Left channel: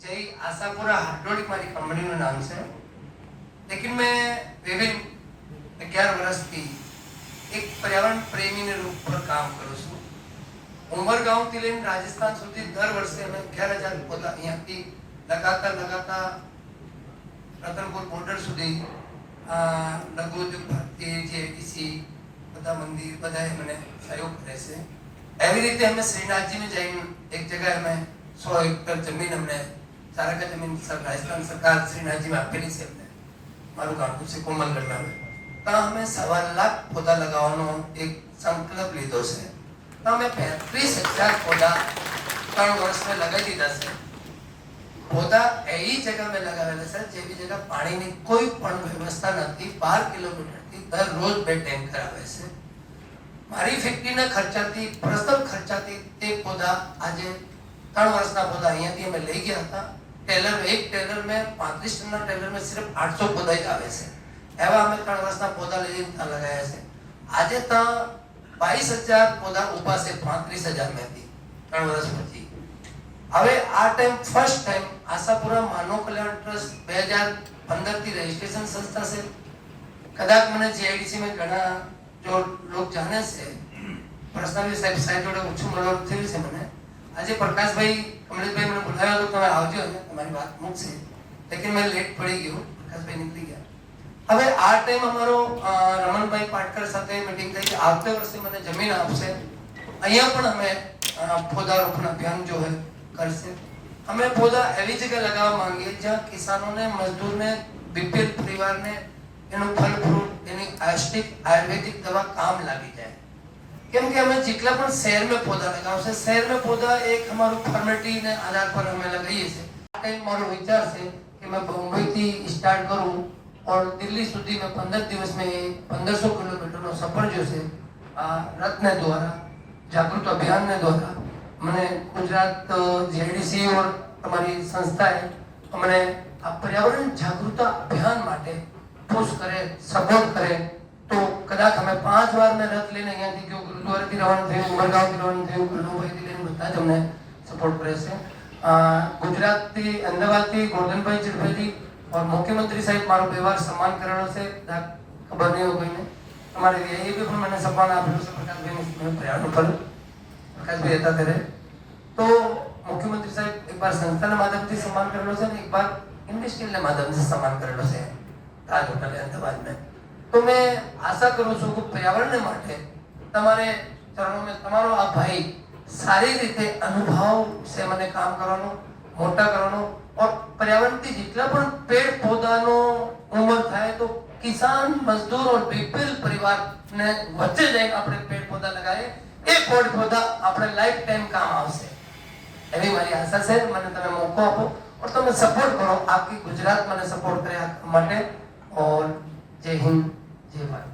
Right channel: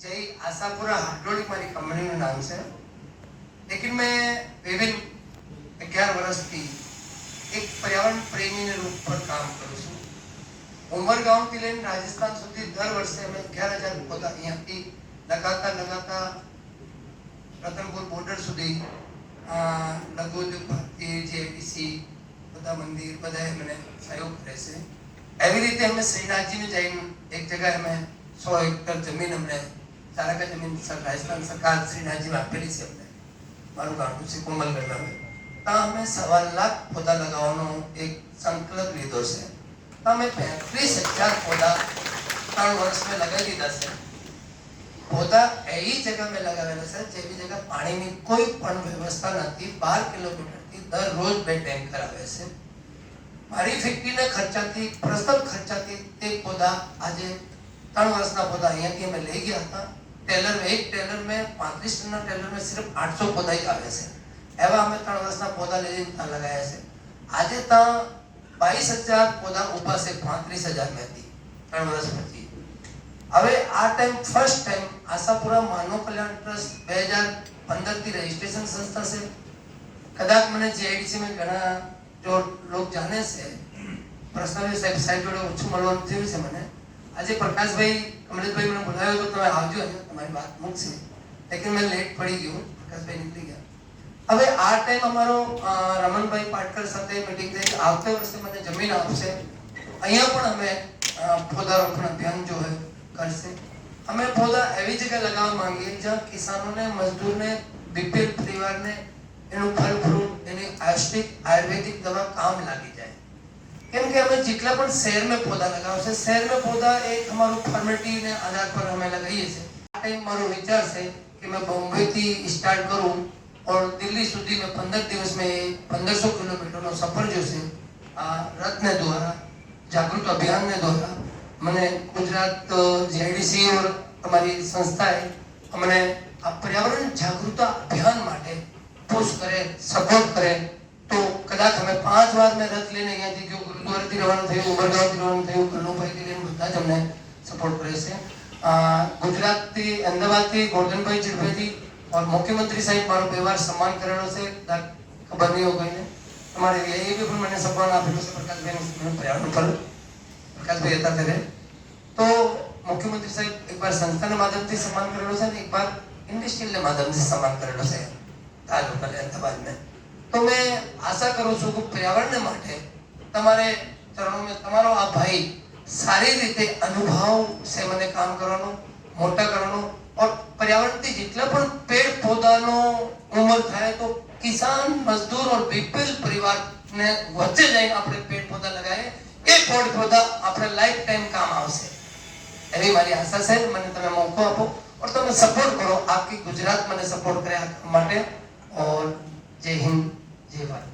जय आशापुरा हाइड्रोलिक मारी कंपनी નું નામ છે लेकिन मैं विभिन्न 11 વર્ષથી એક પર્યાવરણ પ્રેમીને રૂપ પર કામ કરું છું ઉમરગાંવથી લઈને રાજસ્થાન સુધી દર વર્ષે અમે 11000 પૌધા અહીંયાથી લગાતા રતનપુર બોર્ડર સુધી લઘુ ઉદ્યોગ ભારતી જેડીસી બધા મંદિર બધાએ મને સહયોગ કરે છે એવી રીતે અમે શ્રીનાથજીને જઈને એક જગ્યાએ અમે 100 હેક્ટર જમીન અમને ચારકા જમીન રાજસ્થાન સરકાર શ્રીનાથજી में આપેલી છે અમને મારું ગામ છે કોમલગઢ में ત્યાં અમે 1.25 લાખ પૌધા લગાવવાનો એક સંકલ્પ લીધો છે તો અમે 35000 પૌધા 3 વર્ષ में લગાવી દીધા છે पौधा ऐसी जगह में लगावेला सर जेवी जगह पानी ની કોઈ પણ વ્યવસ્થા નથી 12 કિલોમીટર થી દરરોજ બે ટેન્કર આવે છે મારી ફેક્ટરીના ખર્ચાથી પ્રથમ ખર્ચાથી તે પૌધા આજે 3 વર્ષના પૌધા અહીંયાથી અમે લઈ ગયા હતા ટેલર में एक टेलर में 35 टनના टेलर में सिर्फ 800 पौधा જ આવે છે એવા અમે 3 વર્ષના પૌધા લઈને ત્યાં લગાયા છે આજે ત્યાં 22000 પૌધા ઊભા છે 35000 માંથી 3 વર્ષ પછી હવે આ ટાઈમ ફર્સ્ટ ટાઈમ આશાપુરા માનવ કલ્યાણ ટ્રસ્ટ 2015 થી રજીસ્ટ્રેશન સંસ્થા છે કદાચ મને જીઆઈડીસી में ઘણા જો લોક જાણે છે પર્સનલી સાહેબ જોડે ઓછું મળવાનું થયું છે મને આજે પ્રકાશભાઈ કમલેશભાઈ મને બોલાવ્યો તો તમે આવજો અને તમારી વાત મૂકશે લેकिन मैं લેટ પડી ગયો પ્રકાશભાઈ નીકળી ગયા હવે આ ટાઈમ અમારો રમણભાઈ પાટકર સાથે મીટિંગ થઈ આવતા વર્ષે મને જમીન આપશે અહીંયા પણ અમે પૌધારોપણ અભિયાન जो है करसे हमें पौधा एवी जगह लगावा मांगिए जहाँ किसानों ने मजदूर ने बीपीएल परिवार ने एनु फल फ्रूट एनी आयुर्वेदिक आयुर्वेदिक दवा काम लागी जाए केम के हमें जितना पण शहर में पौधा लगाव से शहर में पौधा एक हमारो फॉर्मेलिटी ने आधार पर हमें लगाइए से टाइम मारो विचार से कि मैं बम्बई थी स्टार्ट करूं और दिल्ली सुधी में 15 दिवस में 1500 किलोमीटर नो सफर जो से रत्न द्वारा जागृत अभियान ने द्वारा मैंने गुजरात जीआईडीसी और हमारी संस्था है हमने पर्यावरण जागरूकता अभियान माटे पुश करे सपोर्ट करे तो कदाच हमें 5 बार में रथ लेने गया थी जो गुरुद्वारा थी रवाना थे उमरगांव थी रवाना थे कल्लूभाई के लिए બધા જ हमने सपोर्ट करे से गुजरात थी अहमदाबाद थी गोवर्धन भाई चिड़भाई थी और मुख्यमंत्री साहब मारो व्यवहार सम्मान करेलो से खबर नहीं हो कोई ने हमारे ये भी પણ મને સન્માન આપેલું છે પ્રકાશભાઈ पर्यावरण पर प्रकाश भाई હતા ત્યારે तो मुख्यमंत्री साहब एक बार संस्थाના માધ્યમથી सम्मान કરેલો છે અને એક बार इंडस्ट्रियल માધ્યમથી सम्मान કરેલો છે તાજ હોટલ અમદાવાદ में तो मैं आशा करूं છું કે पर्यावरण માટે તમારે ચરણો में તમારો આ ભાઈ સારી રીતે અનુભવ से મને કામ કરવાનો મોટા કરવાનો और पर्यावरण થી જેટલા પણ પેડ પૌધાનો ઉમર થાય તો કિસાન મજદૂર और बीपीएल परिवार ने વચ્ચે જઈને આપણે પેડ પૌધા લગાવીએ એ પેડ પૌધા આપણે લાઈફ ટાઈમ કામ આવશે એવી મારી આશા છે મને તમે મોકો આપો और તમે સપોર્ટ કરો आपकी गुजरात મને સપોર્ટ કરે આ માટે और जय हिंद जय भारत।